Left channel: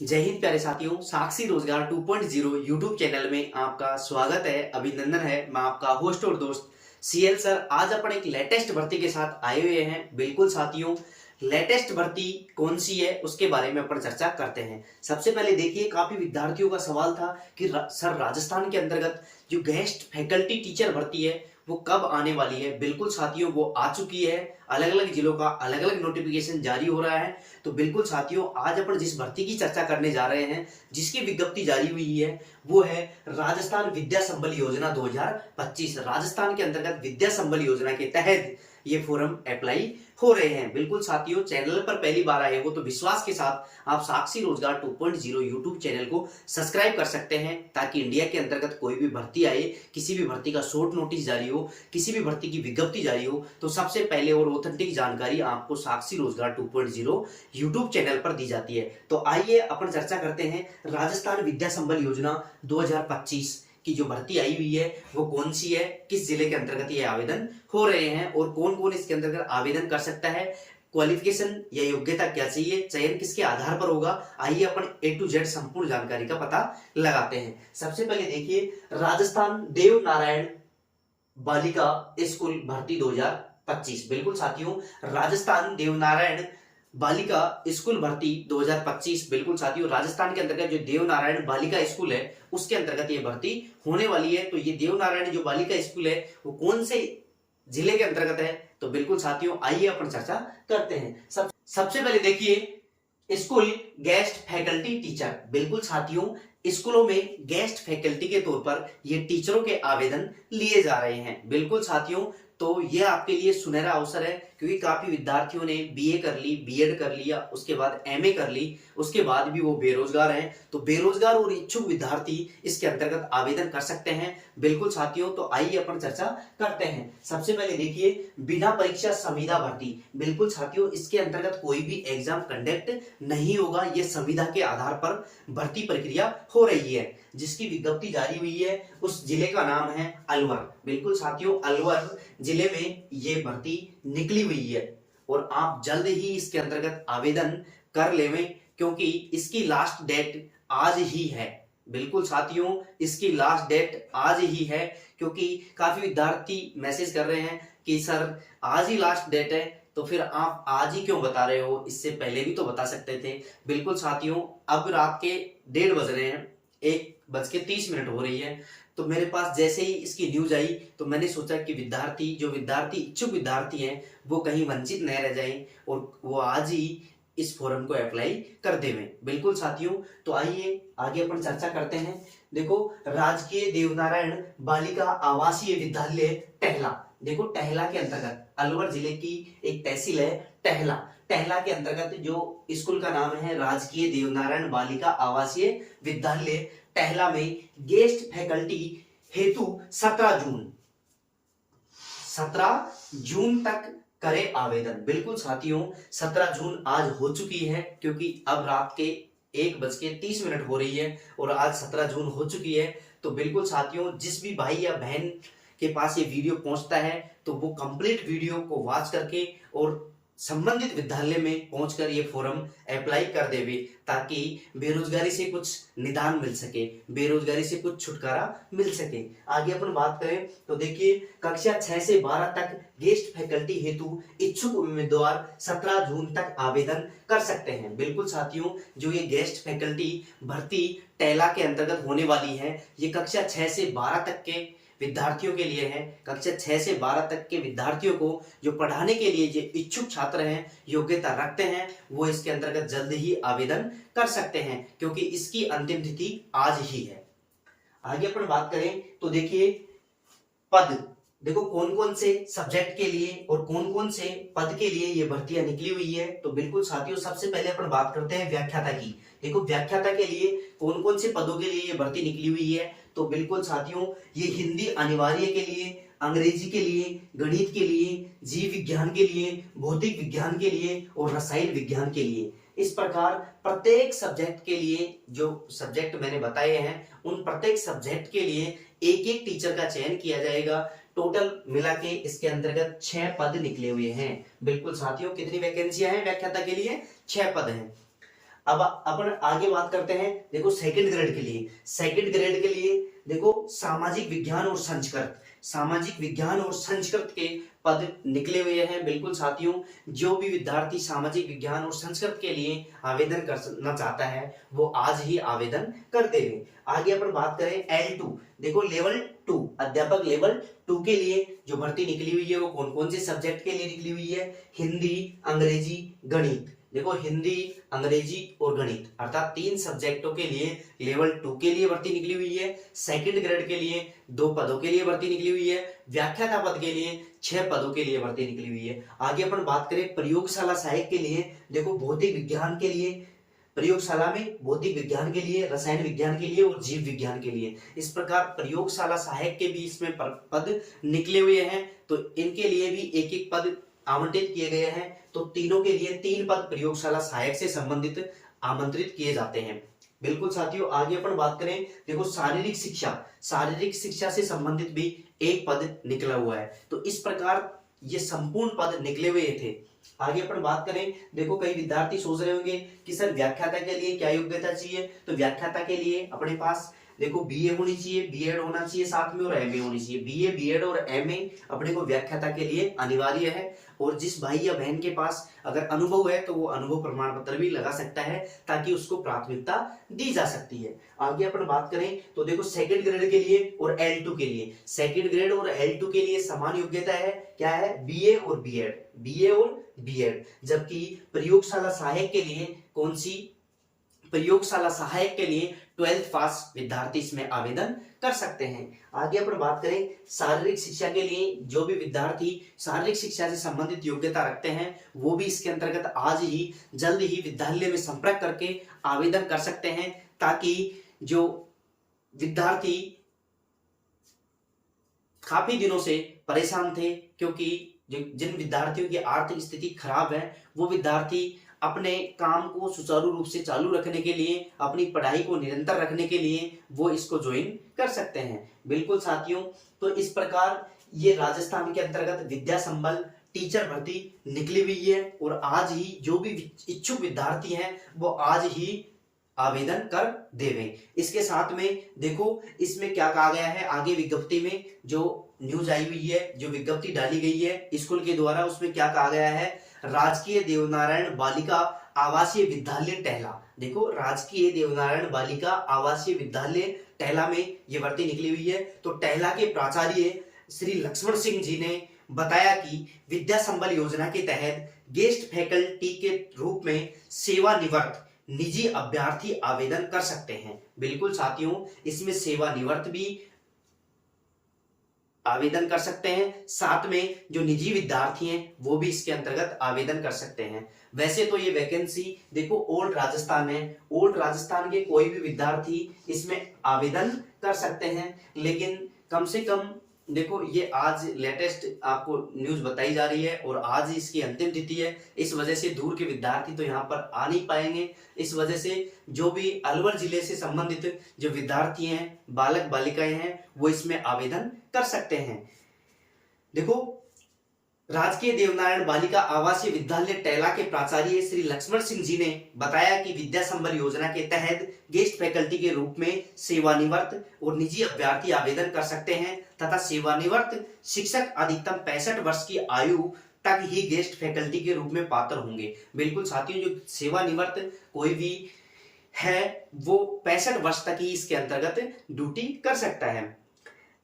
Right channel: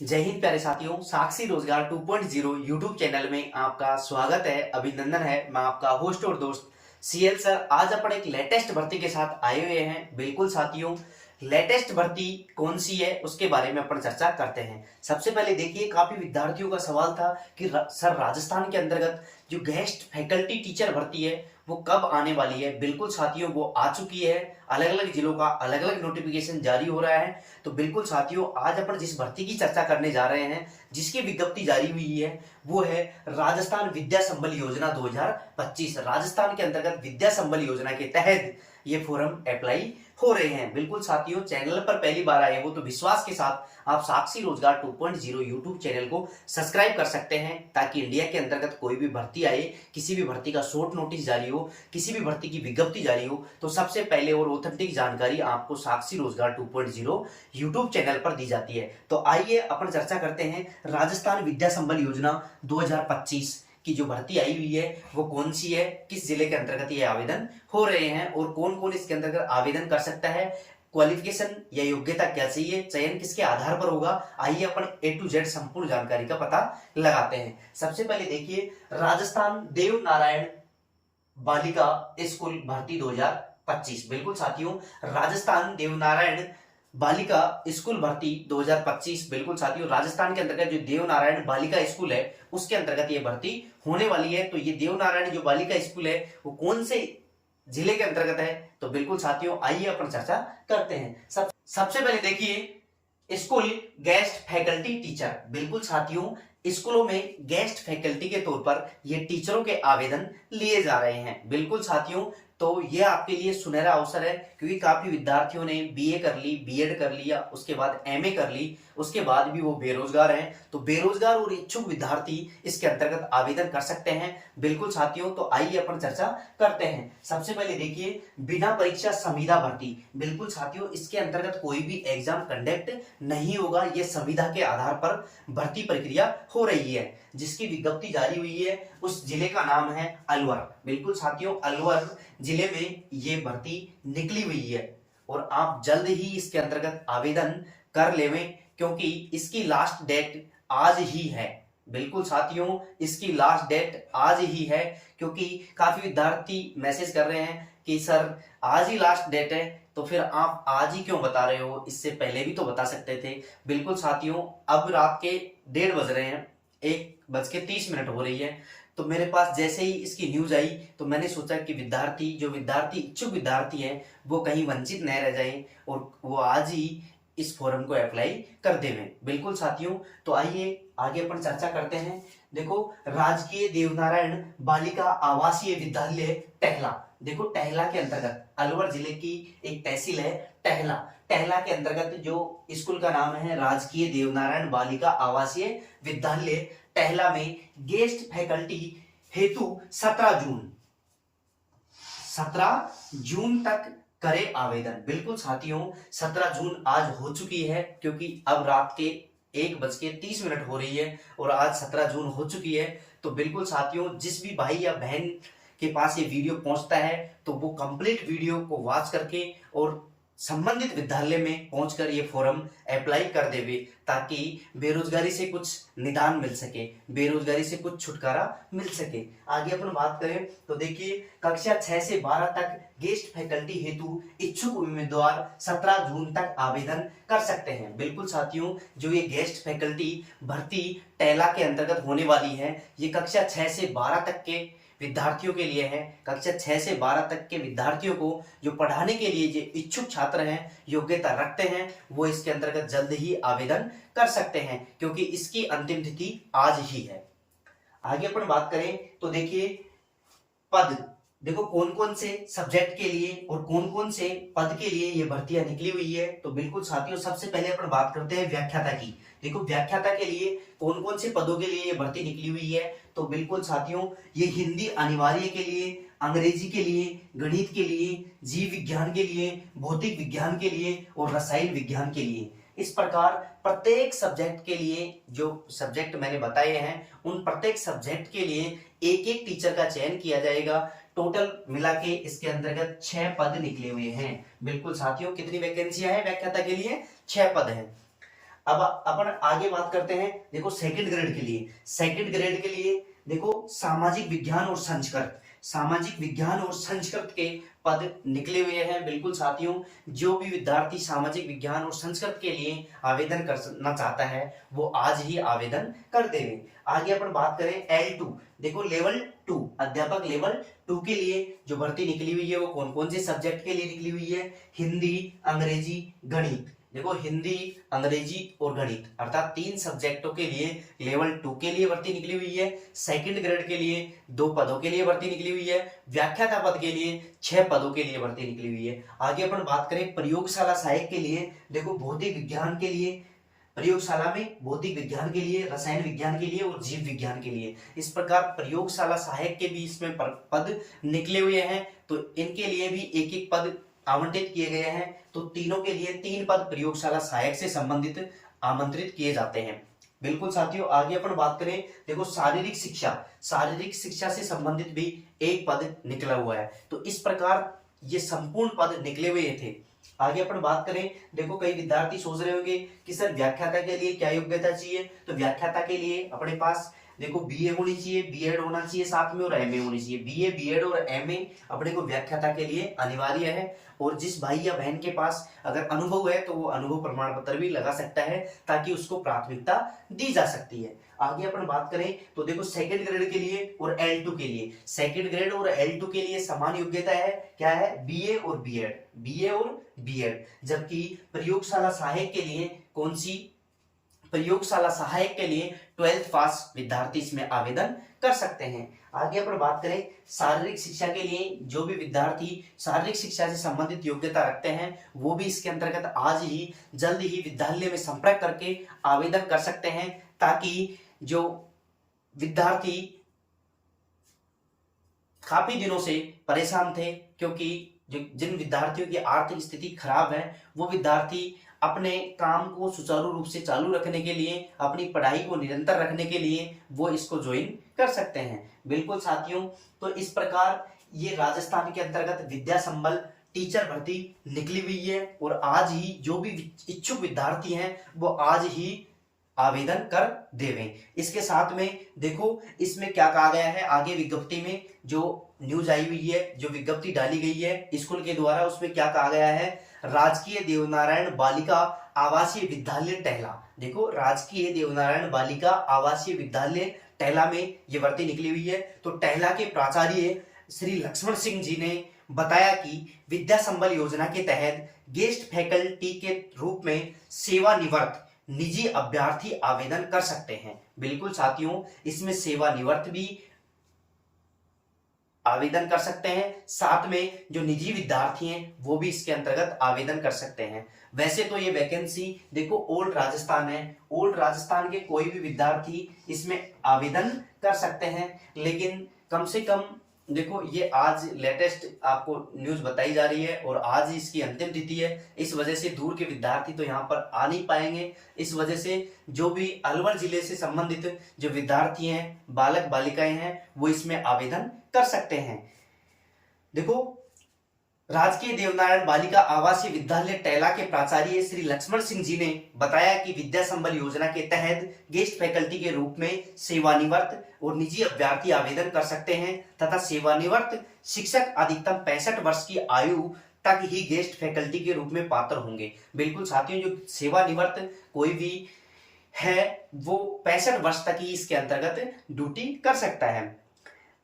जय हिंद प्यारे साथियों, साक्षी रोजगार 2.0 यूट्यूब चैनल में आपका स्वागत है, अभिनंदन है। मैं आपका होस्ट और दोस्त सीएल सर आज अपन एक लेटेस्ट भर्ती के साथ आए हुए हैं। बिल्कुल साथियों, लेटेस्ट भर्ती कौन सी है उसके बारे में अपन चर्चा करते हैं। सबसे पहले देखिए, काफी विद्यार्थियों का सवाल था कि सर राजस्थान के अंतर्गत जो गेस्ट फैकल्टी टीचर भर्ती है वो कब आने वाली है। बिल्कुल साथियों, वो आ चुकी है। अलग अलग जिलों का अलग अलग नोटिफिकेशन जारी हो रहा है। तो बिल्कुल साथियों, आज अपन जिस भर्ती की चर्चा करने जा रहे हैं, जिसकी विज्ञप्ति जारी हुई है, वो है राजस्थान विद्या संबल योजना 2025। राजस्थान के अंतर्गत विद्या संबल योजना के तहत ये फॉर्म अप्लाई हो रहे हैं। बिल्कुल साथियों, चैनल पर पहली बार आए हो तो विश्वास के साथ आप साक्षी रोजगार 2.0 यूट्यूब चैनल को सब्सक्राइब कर सकते हैं, ताकि इंडिया के अंतर्गत कोई भी भर्ती आए, किसी भी भर्ती का शॉर्ट नोटिस जारी हो, किसी भी भर्ती की विज्ञप्ति जारी हो, तो सबसे पहले और ऑथेंटिक जानकारी आपको साक्षी रोजगार 2.0 यूट्यूब चैनल पर दी जाती है। तो आइए अपन चर्चा करते हैं राजस्थान विद्या संबल योजना 2025 की जो भर्ती आई हुई है वो कौन सी है, किस जिले के अंतर्गत ये आवेदन हो रहे हैं और कौन कौन इसके अंतर्गत आवेदन कर सकता है, क्वालिफिकेशन या योग्यता क्या चाहिए, चयन किसके आधार पर होगा। आइए अपन A to Z संपूर्ण जानकारी का पता लगाते हैं। सबसे पहले देखिए, राजस्थान देव नारायण बालिका स्कूल भर्ती 2025। बिल्कुल साथियों, राजस्थान देवनारायण बालिका स्कूल भर्ती 2025। बिल्कुल साथियों, राजस्थान के अंतर्गत जो देवनारायण बालिका स्कूल है उसके अंतर्गत ये भर्ती होने वाली है। तो ये देवनारायण जो बालिका स्कूल है वो कौन से जिले के अंतर्गत है, तो बिल्कुल साथियों आइए अपन चर्चा करते हैं। सबसे पहले देखिए, स्कूल गेस्ट फैकल्टी टीचर। बिल्कुल साथियों, स्कूलों में गेस्ट फैकल्टी के तौर पर ये टीचरों के आवेदन लिए जा रहे हैं। बिल्कुल साथियों, तो ये आपके लिए सुनहरा अवसर है, क्योंकि काफी विद्यार्थियों ने बीए कर ली, बीएड कर लिया, उसके बाद एमए कर ली, उसके बाद भी वो बेरोजगार हैं। तो बेरोजगार और इच्छुक विद्यार्थी इसके अंतर्गत आवेदन कर सकते हैं। बिल्कुल साथियों, तो आइए अपन चर्चा करते हैं। सबसे पहले देखिए, बिना परीक्षा संविदा भर्ती। बिल्कुल साथियों, इसके अंतर्गत कोई भी एग्जाम कंडक्ट नहीं होगा। ये संविदा के आधार पर भर्ती प्रक्रिया हो रही है। जिसकी विज्ञप्ति जारी हुई है उस जिले का नाम है अलवर। बिल्कुल साथियों, अलवर जिले में ये भर्ती निकली हुई है और आप जल्द ही इसके अंतर्गत आवेदन कर लेवें, क्योंकि इसकी लास्ट डेट आज ही है। बिल्कुल साथियों, इसकी लास्ट डेट आज ही है, क्योंकि काफी विद्यार्थी मैसेज कर रहे हैं कि सर आज ही लास्ट डेट है, तो फिर आप आज ही क्यों बता रहे हो, इससे पहले भी तो बता सकते थे। बिल्कुल साथियों, अब रात के 1:30 बज रहे हैं, 1:30 हो रही है। तो मेरे पास जैसे ही इसकी न्यूज आई तो मैंने सोचा कि विद्यार्थी इच्छुक विद्यार्थी हैं वो कहीं वंचित न रह जाएं और वो आज ही इस फोरम को अप्लाई कर देवें। बिल्कुल साथियों, तो आइए आगे अपन चर्चा करते हैं। देखो, राजकीय देवनारायण बालिका आवासीय विद्यालय टहला। देखो, टहला के अंतर्गत अलवर जिले की एक तहसील है टहला। टहला के अंतर्गत जो स्कूल का नाम है राजकीय देवनारायण बालिका आवासीय विद्यालय टहला में गेस्ट फैकल्टी हेतु 17 जून तक करे आवेदन। बिल्कुल साथियों, 17 जून आज हो चुकी है, क्योंकि अब रात के 1:30 हो रही है और आज 17 जून हो चुकी है। तो बिल्कुल साथियों, जिस भी भाई या बहन के पास ये वीडियो पहुंचता है तो वो कंप्लीट वीडियो को वॉच करके और संबंधित विद्यालय में पहुंचकर ये फॉर्म अप्लाई कर देवे, ताकि बेरोजगारी से कुछ निदान मिल सके, बेरोजगारी से कुछ छुटकारा मिल सके। आगे अपन बात करें तो देखिए, कक्षा 6 से 12 तक गेस्ट फैकल्टी हेतु इच्छुक उम्मीदवार 17 जून तक आवेदन कर सकते हैं। बिल्कुल साथियों, जो ये गेस्ट फैकल्टी भर्ती टैला के अंतर्गत होने वाली है, ये कक्षा 6 से 12 तक के विद्यार्थियों के लिए है। कक्षा 6 से 12 तक के विद्यार्थियों को जो पढ़ाने के लिए जो इच्छुक छात्र हैं, योग्यता रखते हैं, वो इसके अंतर्गत जल्द ही आवेदन कर सकते हैं, क्योंकि इसकी अंतिम तिथि आज ही है। आगे अपन बात करें तो देखिए, पद। देखो, कौन कौन से सब्जेक्ट के लिए और कौन कौन से पद के लिए ये भर्तियां निकली हुई है। तो बिल्कुल साथियों, सबसे पहले अपन बात करते हैं व्याख्याता की। देखो, व्याख्याता के लिए कौन कौन से पदों के लिए ये भर्ती निकली हुई है। तो बिल्कुल साथियों, ये हिंदी अनिवार्य के लिए, अंग्रेजी के लिए, गणित के लिए, जीव विज्ञान के लिए, भौतिक विज्ञान के लिए और रसायन विज्ञान के लिए। इस प्रकार प्रत्येक सब्जेक्ट के लिए, जो सब्जेक्ट मैंने बताए हैं, उन प्रत्येक सब्जेक्ट के लिए एक एक टीचर का चयन किया जाएगा। टोटल मिला के इसके अंतर्गत 6 पद निकले हुए हैं। बिल्कुल साथियों, कितनी वैकेंसियां हैं व्याख्याता के लिए? 6 पद हैं। अब अपन आगे बात करते हैं। देखो सेकंड ग्रेड के लिए, सेकंड ग्रेड के लिए देखो सामाजिक विज्ञान और संस्कृत, सामाजिक विज्ञान और संस्कृत के पद निकले हुए हैं। बिल्कुल साथियों, जो भी विद्यार्थी सामाजिक विज्ञान और संस्कृत के लिए आवेदन करना चाहता है वो आज ही आवेदन कर देवे। आगे अपन बात करें L2, देखो लेवल 2 अध्यापक लेवल 2 के लिए जो भर्ती निकली हुई है वो कौन कौन से सब्जेक्ट के लिए निकली हुई है? हिंदी, अंग्रेजी, गणित। देखो हिंदी, अंग्रेजी और गणित अर्थात 3 सब्जेक्टों के लिए लेवल 2 के लिए भर्ती निकली हुई है। सेकंड ग्रेड के लिए 2 पदों के लिए भर्ती निकली हुई है। व्याख्याता पद के लिए 6 पदों के लिए भर्ती निकली हुई है। आगे अपन बात करें प्रयोगशाला सहायक के लिए, देखो भौतिक विज्ञान के लिए, प्रयोगशाला में भौतिक विज्ञान के लिए, रसायन विज्ञान के लिए और जीव विज्ञान के लिए। इस प्रकार प्रयोगशाला सहायक के भी इसमें पद निकले हुए हैं, तो इनके लिए भी एक एक पद आवंटित किए गए हैं। तो तीनों के लिए 3 पद प्रयोगशाला सहायक से संबंधित आमंत्रित किए जाते हैं। बिल्कुल साथियों, आगे अपन बात करें, देखो शारीरिक शिक्षा, शारीरिक शिक्षा से संबंधित भी एक पद निकला हुआ है। तो इस प्रकार ये संपूर्ण पद निकले हुए थे। आगे अपन बात करें, देखो कई विद्यार्थी सोच रहे होंगे कि सर व्याख्याता के लिए क्या योग्यता चाहिए? तो व्याख्याता के लिए अपने पास देखो बीए होनी चाहिए, बीएड होना चाहिए साथ में और एमए होनी चाहिए। बीए, बीएड और एमए अपने को व्याख्याता के लिए अनिवार्य है। और जिस भाई या बहन के पास अगर अनुभव है तो वो अनुभव प्रमाण पत्र भी लगा सकता है ताकि उसको प्राथमिकता दी जा सकती है। आगे अपन बात करें तो देखो सेकंड ग्रेड के लिए और L2 के लिए, सेकंड ग्रेड और L2 के लिए समान योग्यता है। क्या है? बीए और बीएड, बीए और बीएड। जबकि प्रयोगशाला सहायक के लिए कौन सी? प्रयोगशाला सहायक के लिए 12th पास विद्यार्थी इसमें आवेदन कर सकते हैं। आगे अपन बात करें शारीरिक शिक्षा के लिए, जो भी विद्यार्थी शारीरिक शिक्षा से संबंधित योग्यता रखते हैं वो भी इसके अंतर्गत आज ही जल्द ही विद्यालय में संपर्क करके आवेदन कर सकते हैं, ताकि जो विद्यार्थी काफी दिनों से परेशान थे, क्योंकि जिन विद्यार्थियों की आर्थिक स्थिति खराब है वो विद्यार्थी अपने काम को सुचारू रूप से चालू रखने के लिए, अपनी पढ़ाई को निरंतर रखने के लिए वो इसको ज्वाइन कर सकते हैं। बिल्कुल साथियों, तो इस प्रकार ये राजस्थान के अंतर्गत विद्या संबल टीचर भर्ती निकली हुई है और आज ही जो भी इच्छुक विद्यार्थी हैं वो आज ही आवेदन कर देवें। इसके साथ में देखो इसमें क्या कहा गया है, आगे विज्ञप्ति में जो न्यूज आई हुई है, जो विज्ञप्ति डाली गई है स्कूल के द्वारा, उसमें क्या कहा गया है? राजकीय देवनारायण बालिका आवासीय विद्यालय टहला। देखो राजकीय देवनारायण बालिका आवासीय विद्यालय टहला में ये भर्ती निकली हुई है। तो टहला के प्राचार्य श्री लक्ष्मण सिंह जी ने बताया कि विद्या संबल योजना के तहत गेस्ट फैकल्टी के रूप में सेवानिवृत्त निजी अभ्यर्थी आवेदन कर सकते हैं। बिल्कुल साथियों, इसमें सेवानिवृत्त भी आवेदन कर सकते हैं, साथ में जो निजी विद्यार्थी हैं वो भी इसके अंतर्गत आवेदन कर सकते हैं। वैसे तो ये वैकेंसी देखो ओल्ड राजस्थान है, ओल्ड राजस्थान के कोई भी विद्यार्थी इसमें आवेदन कर सकते हैं, लेकिन कम से कम देखो ये आज लेटेस्ट आपको न्यूज बताई जा रही है और आज ही इसकी अंतिम तिथि है। इस वजह से दूर के विद्यार्थी तो यहाँ पर आ नहीं पाएंगे। इस वजह से जो भी अलवर जिले से संबंधित जो विद्यार्थी हैं, बालक बालिकाएं हैं, वो इसमें आवेदन कर सकते हैं। देखो राजकीय देवनारायण बालिका आवासीय विद्यालय टैला के प्राचार्य श्री लक्ष्मण सिंह जी ने बताया कि विद्या संबल योजना के तहत गेस्ट फैकल्टी के रूप में सेवानिवृत्त और निजी अभ्यर्थी आवेदन कर सकते हैं तथा सेवानिवृत्त शिक्षक अधिकतम 65 वर्ष की आयु तक ही गेस्ट फैकल्टी के रूप में पात्र होंगे। बिल्कुल साथियों, जो सेवानिवृत्त कोई भी है वो 65 वर्ष तक ही इसके अंतर्गत ड्यूटी कर सकता है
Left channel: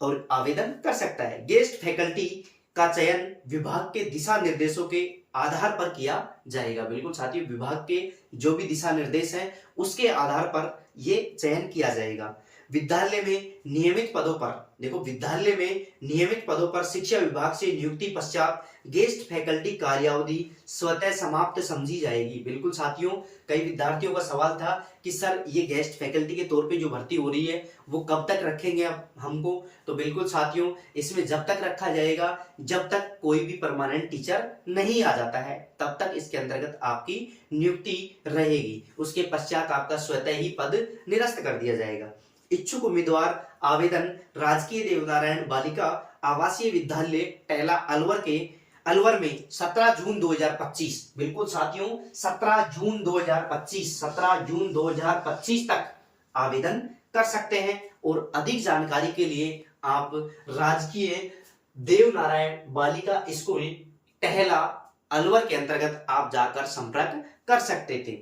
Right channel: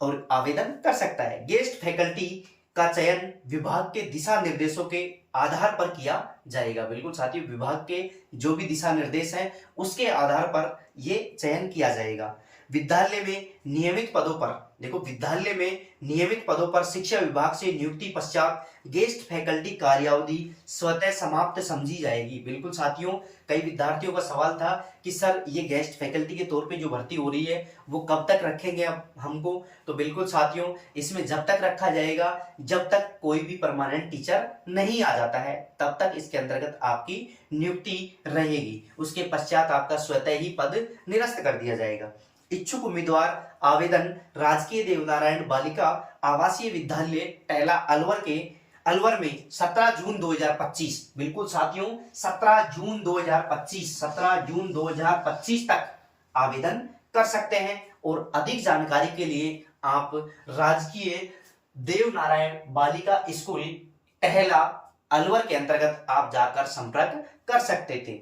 और आवेदन कर सकता है। गेस्ट फैकल्टी का चयन विभाग के दिशा निर्देशों के आधार पर किया जाएगा। बिल्कुल साथियों, विभाग के जो भी दिशा निर्देश हैं उसके आधार पर ये चयन किया जाएगा। विद्यालय में नियमित पदों पर, देखो विद्यालय में नियमित पदों पर शिक्षा विभाग से नियुक्ति पश्चात गेस्ट फैकल्टी कार्यावधि स्वतः समाप्त समझी जाएगी। बिल्कुल साथियों, कई विद्यार्थियों का सवाल था कि सर ये गेस्ट फैकल्टी के तौर पे जो भर्ती हो रही है वो कब तक रखेंगे अब हमको? तो बिल्कुल साथियों, इसमें जब तक रखा जाएगा जब तक कोई भी परमानेंट टीचर नहीं आ जाता है तब तक इसके अंतर्गत आपकी नियुक्ति रहेगी। उसके पश्चात आपका स्वतः ही पद निरस्त कर दिया जाएगा। इच्छुक उम्मीदवार आवेदन राजकीय देवनारायण बालिका आवासीय विद्यालय टैला अलवर के अलवर में 17 जून 2025, बिल्कुल साथियों 17 जून 2025, 17 जून 2025 तक आवेदन कर सकते हैं। और अधिक जानकारी के लिए आप राजकीय देवनारायण बालिका स्कूल टहला अलवर के अंतर्गत आप जाकर संपर्क कर सकते थे।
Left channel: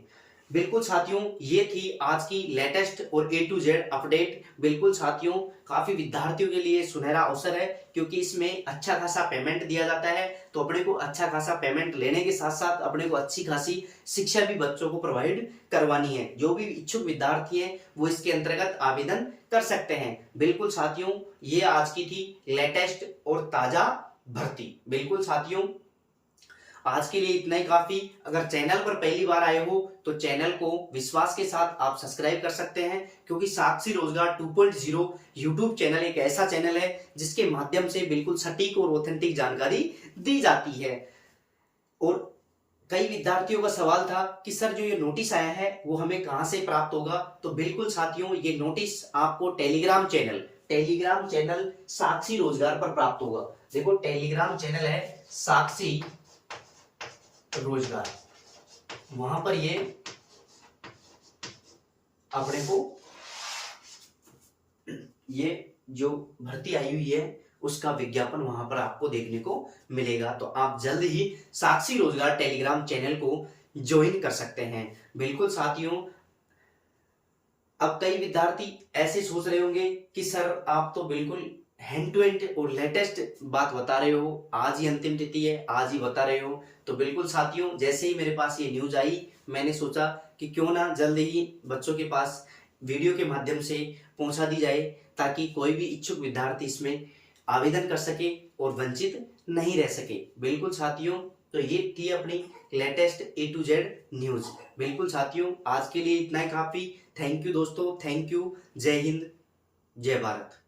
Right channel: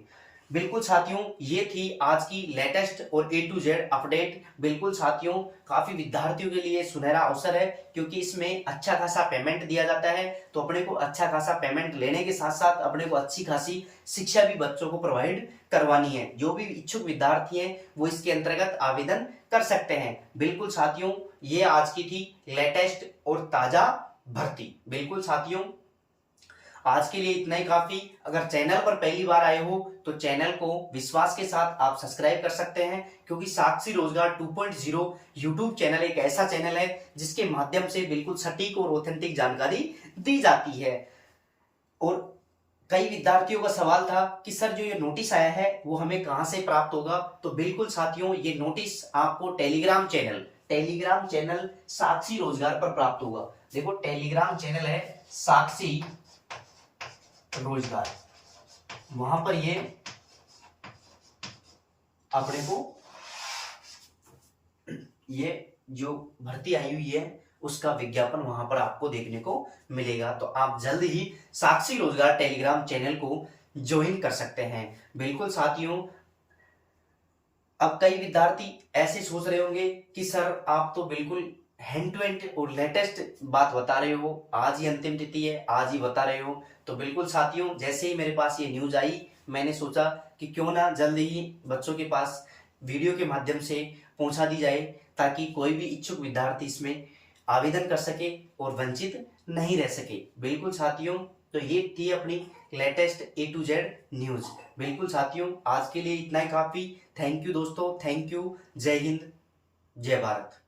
बिल्कुल साथियों, ये थी आज की लेटेस्ट और A to Z अपडेट। बिल्कुल साथियों, काफी विद्यार्थियों के लिए सुनहरा अवसर है, क्योंकि इसमें अच्छा खासा पेमेंट दिया जाता है। तो अपने को अच्छा खासा पेमेंट लेने के साथ साथ अपने को अच्छी खासी शिक्षा भी बच्चों को प्रोवाइड करवानी है। जो भी इच्छुक विद्यार्थी हैं वो इसके अंतर्गत आवेदन कर सकते हैं। बिल्कुल साथियों, ये आज की थी लेटेस्ट और ताजा भर्ती। बिल्कुल साथियों, आज के लिए इतना ही काफी। अगर चैनल पर पहली बार आए हो तो चैनल को विश्वास के साथ आप सब्सक्राइब कर सकते हैं, क्योंकि साक्षी रोजगार 2.0 यूट्यूब चैनल एक ऐसा चैनल है जिसके माध्यम से बिल्कुल सटीक और ऑथेंटिक जानकारी दी जाती है। और कई विद्यार्थियों का सवाल था कि सर जो ये नोटिस आया है वो हमें कहां से प्राप्त होगा। तो बिल्कुल साथियों, ये नोटिस आपको टेलीग्राम चैनल साक्षी रोजगार पर प्राप्त होगा। देखो, टेलीग्राम चैनल है साक्षी रोजगार, वहां पर ये अपने को ये जो भर्ती आई हुई है उसका विज्ञापन वहां पर आपको देखने को मिलेगा। तो आप जल्द ही साक्षी रोजगार टेलीग्राम चैनल को ज्वाइन कर सकते हैं। बिल्कुल साथियों, अब कई विद्यार्थी ऐसे सोच रहे होंगे कि सर आप तो बिल्कुल हैंड टू हैंड और लेटेस्ट बात बता रहे हो, आज ही अंतिम तिथि है, आज ही बता रहे हो। तो बिल्कुल साथियों, जैसे ही मेरे पास ये न्यूज आई, मैंने सोचा कि क्यों ना जल्द ही बच्चों के पास वीडियो के माध्यम से पहुंचा दी जाए, ताकि कोई भी इच्छुक विद्यार्थी इसमें आवेदन कर सके और वंचित नहीं रह सके। बिल्कुल साथियों, तो ये थी अपनी latest A to Z news. बिल्कुल साथियों, आज के लिए इतना ही काफी। थैंक यू दोस्तों, थैंक यू। जय हिंद, जय भारत।